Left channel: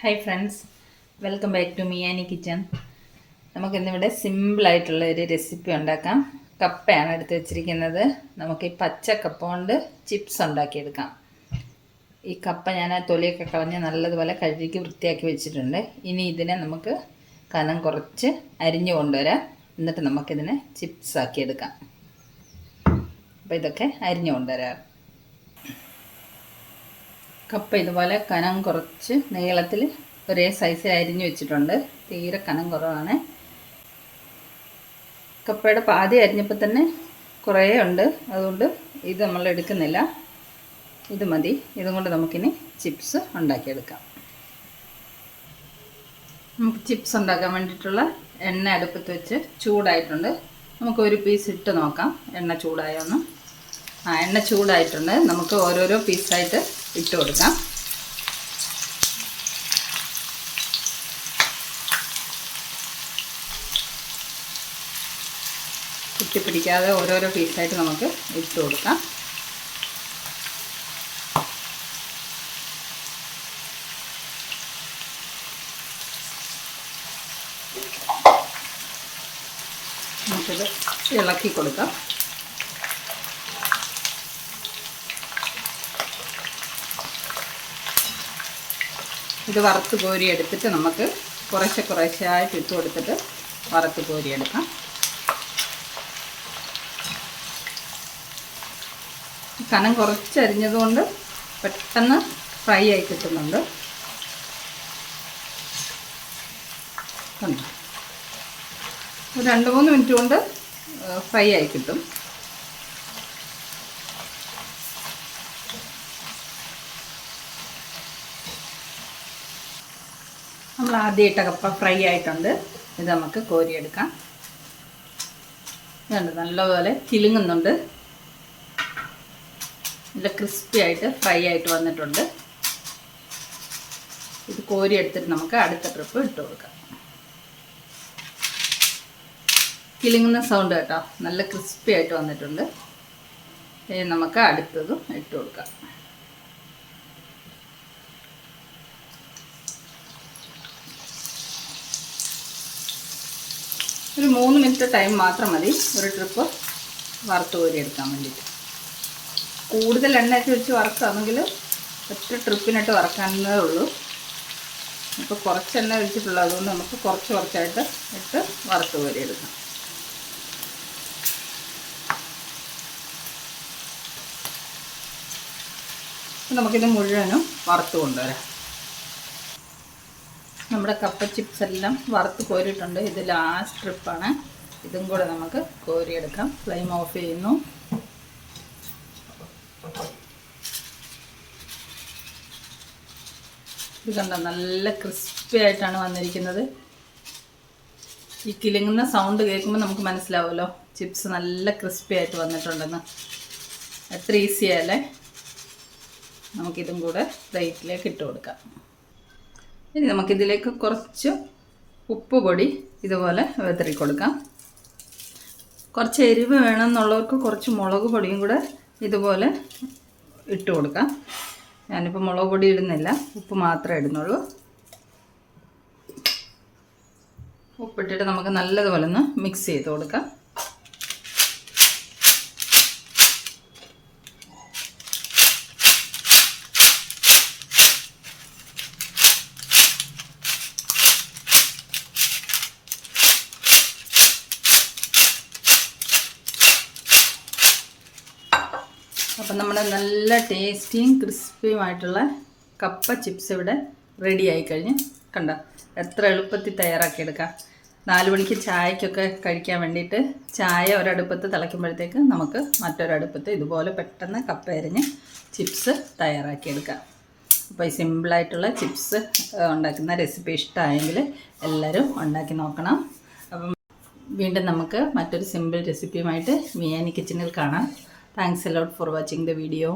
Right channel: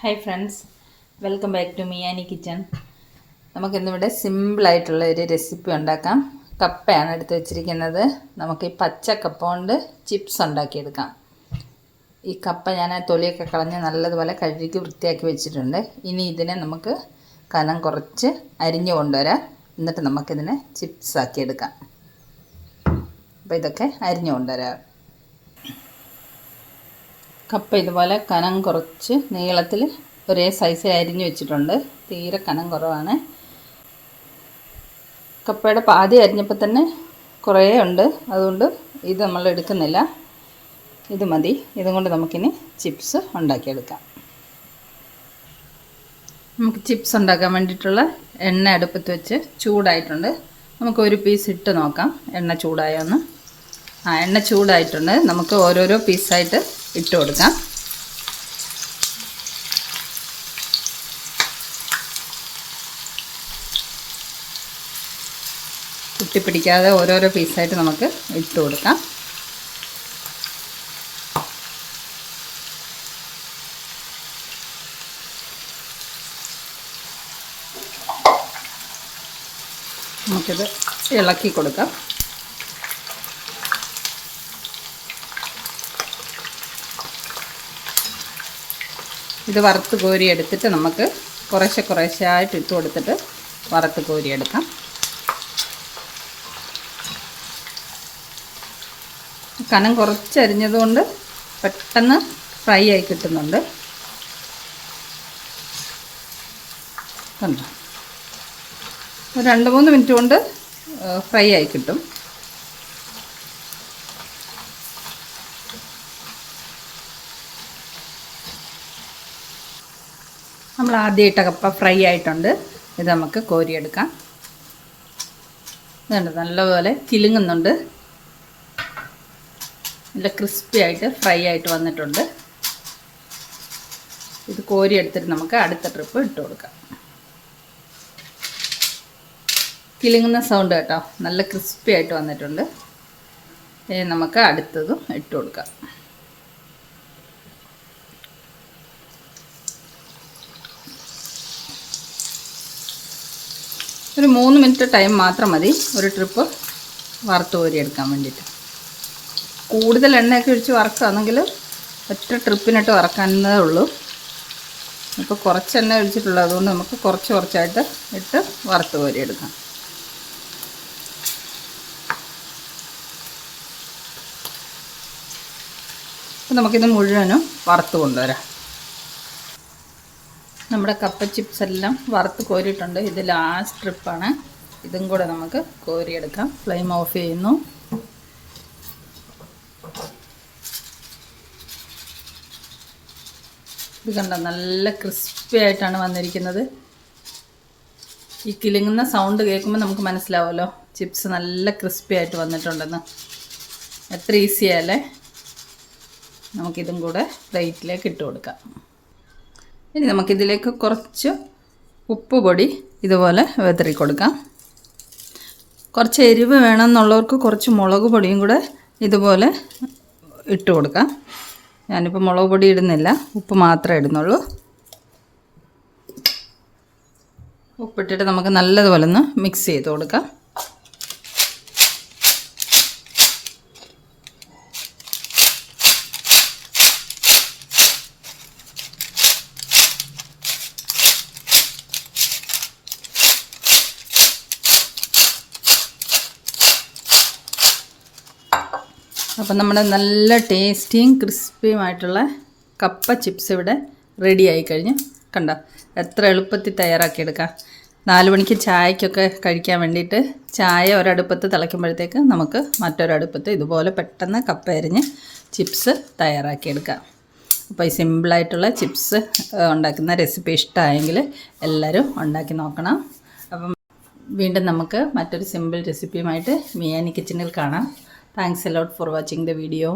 Hi friends, welcome back to മിയാനി kitchen. നമുക്കിന്നിവിടെ സിമ്പിളായിട്ടുള്ള ഒരു റെസിപ്പി ഉണ്ടാക്കാം. കപ്പയാണ് എടുത്ത് വെച്ചിരിക്കുന്നത്. നമുക്ക് ഈ പച്ച കപ്പ കൊണ്ട് ചിപ്സ് ഉണ്ടാക്കിയെടുക്കാം. ഈ കപ്പ ഞാൻ തൊലിയൊക്കെ കളഞ്ഞ് നല്ലതുപോലെ കഴുകി വൃത്തിയാക്കി വെച്ചിട്ടുണ്ട്. ഇനി ഇതിനെ നമുക്ക് കനം കുറച്ച് അരിഞ്ഞു കൊണ്ടുവരാം. എന്നിട്ട് നമുക്കിതിനെ ചിപ്സ് ആക്കിയെടുക്കാം. അപ്പോൾ ഇതൊക്കെ അരിഞ്ഞു കൊണ്ടുവരാം. കപ്പ ഇതുപോലെ കനം കുറച്ച് നീളത്തിൽ ഒരേ സൈസിൽ അരിഞ്ഞു വെച്ചിട്ടുണ്ട്. തീരെ കനം കുറവാണ്. കപ്പയുടെ പാതി അരിഞ്ഞപ്പോൾ തന്നെ കുറേ ഉണ്ട്, അതുകൊണ്ട് ഇത് നമ്മൾ എടുക്കുന്നില്ല. ഇത് മതി. ഇതും കൊണ്ട് നമുക്കിനി ചിപ്സ് ഉണ്ടാക്കിയെടുക്കാം. നമുക്ക് ചിപ്സ് ഉണ്ടാക്കാൻ വേണ്ടിയിട്ടുള്ള എണ്ണ അടുപ്പത്ത് വെച്ച് ചൂടായിട്ടുണ്ട്. നമുക്ക് ഒരു പീസ് ഇട്ട് നോക്കാം എണ്ണ ചൂടായോന്ന്. എണ്ണ ചൂടായിട്ടുണ്ട്. നമുക്ക് ഓരോരോ പീസായിട്ട് ഇട്ട് കൊടുക്കാം. കുത്തിപ്പിടിക്കാതെ ഓരോരോ പീസായിട്ട് നമുക്ക് ഇട്ട് കൊടുക്കാം. നമുക്കിത് ഇളക്കി കൊടുക്കാം. ഇത് വറുത്ത് കോരി എടുത്തിട്ട് നമുക്ക് കുറേശ്ശായിട്ട് ഇട്ട് കൊടുത്തിട്ട് വറുത്ത് കോരിയെടുക്കാം. കനം കുറച്ചരിഞ്ഞതുകൊണ്ട് പെട്ടെന്ന് ഫ്രൈ ആയി കിട്ടുന്നുണ്ട്. ഒരു 2-3 മിനിറ്റ് കൊണ്ട് ഫ്രൈ ആയി കിട്ടും. നമ്മൾ ആദ്യം ഇട്ട കപ്പ ഫ്രൈ ആയിട്ടുണ്ട്. ഇത് നമുക്ക് കോരിയെടുക്കാം. ഇതുണ്ട്, നല്ലപോലെ കിലുങ്ങുന്നുണ്ട്. നല്ല ക്രിസ്പി ആയിട്ട് ഫ്രൈ ആയിട്ട് വന്നിട്ടുണ്ട്. ഇത് കോരിയെടുത്തിട്ട് നമുക്ക് അടുത്ത ട്രിപ്പ് ഇട്ട് കൊടുക്കാം. കിലുങ്ങുന്ന സൗണ്ട് കേട്ടോ, നല്ല ക്രിസ്പി ആയിട്ട് വന്നിട്ടുണ്ട്. നമുക്ക് അടുത്തതും ഇട്ട് കൊടുക്കാം. ഒരു 3 മിനിറ്റ് ടൈം മാത്രം മതി ഒരു ട്രിപ്പ് വറുത്ത് കോരിയെടുക്കാൻ വേണ്ടിയിട്ട്. കൂടുതൽ എണ്ണയൊക്കെ ഒഴിച്ച് വറുക്കുകയാണെങ്കിൽ ഒറ്റ ട്രിപ്പിനിട്ട് വറക്കാനേ ഉള്ളൂ. ഇപ്പോൾ കുറച്ച് എണ്ണ ഒഴിച്ചിട്ടുള്ളൂ, അതുകൊണ്ട് നമുക്ക് കുറച്ചായിട്ട് ഇട്ട് വറുത്ത് കോരിയെടുക്കാം. അപ്പോൾ നമുക്കിത് മുഴുവനും വറുത്ത് കൊണ്ടുവരാം. നമ്മുടെ കപ്പ ചിപ്സ് എല്ലാം വറുത്ത് കോരിയിട്ടുണ്ട്. ഇത് ലാസ്റ്റ് ട്രിപ്പാണ്. ഇതും കൂടെ നമുക്ക് കോരിയെടുക്കാം. ഫ്ലെയിം ഓഫ് ചെയ്യുന്നു. ഇത് കണ്ടോ, നല്ല ക്രിസ്പി ആയിട്ടാണ് വന്നിരിക്കുന്നത്. ഈ കിലുങ്ങുന്ന സൗണ്ട് കേൾക്കുമ്പോൾ നമുക്ക് മനസ്സിലാവുമല്ലോ ചിപ്സ് നല്ല ക്രിസ്പി ആയിട്ട് വന്നിട്ടുണ്ടെന്ന്. എത്ര ഈസിയല്ലേ. നമുക്കിതും കൂടെ പ്ലേറ്റിലേക്ക് ഇട്ട് കൊടുക്കാം. ഇനി നമുക്കിതിലേക്ക് കുറച്ച് ഉപ്പ് പൊടി ഇതുപോലെ വിതറി കൊടുക്കാം. കുറച്ച് എരിവ് വേണമെന്നുള്ളവർക്ക് കുറച്ച് മുളക് പൊടിയും കൂടെ ഇതുപോലെ ഇട്ട് കൊടുക്കാം. ഞാനിപ്പോൾ മുളക് പൊടി ഇടുന്നില്ല, ഉപ്പ് മാത്രമേ ഇടുന്നുള്ളൂ. ഉപ്പിട്ടിട്ട് നമുക്ക് നല്ലതുപോലെ ഒന്ന് മിക്സ് ചെയ്ത് കൊടുക്കാം. അപ്പം നമ്മുടെ നല്ല ടേസ്റ്റിയും ക്രിസ്പിയുമായിട്ടുള്ള കപ്പ ചിപ്സ് ഇവിടെ റെഡി ആയിക്കഴിഞ്ഞു. കണ്ടോ, എത്ര എളുപ്പത്തിൽ തയ്യാറാക്കിയെടുക്കാം. 4 മണിക്ക് ചായക്കൊക്കെ കഴിക്കാൻ വേണ്ടിയിട്ട് ചായ ഒരടുപ്പത്ത് തിളയ്ക്കുമ്പോഴത്തേക്ക് നമുക്ക് മറ്റൊരടുപ്പത്ത് ഇതുപോലെ പെട്ടെന്ന് കപ്പ അരിഞ്ഞ് ചിപ്സ് തയ്യാറാക്കിയെടുക്കാം. അപ്പോൾ ഈ സിമ്പിളായിട്ടുള്ള ചിപ്സ് ഉണ്ടാക്കുന്ന റെസിപ്പി ഇഷ്ടമായെങ്കിൽ എല്ലാവരും ഉണ്ടാക്കി നോക്കണം. അപ്പം വീണ്ടും നമുക്ക് മറ്റൊരു സിമ്പിൾ റെസിപ്പിയുമായിട്ട് മിയാനി കിച്ചണിൽ കാണാം. Thanks a lot for watching the video.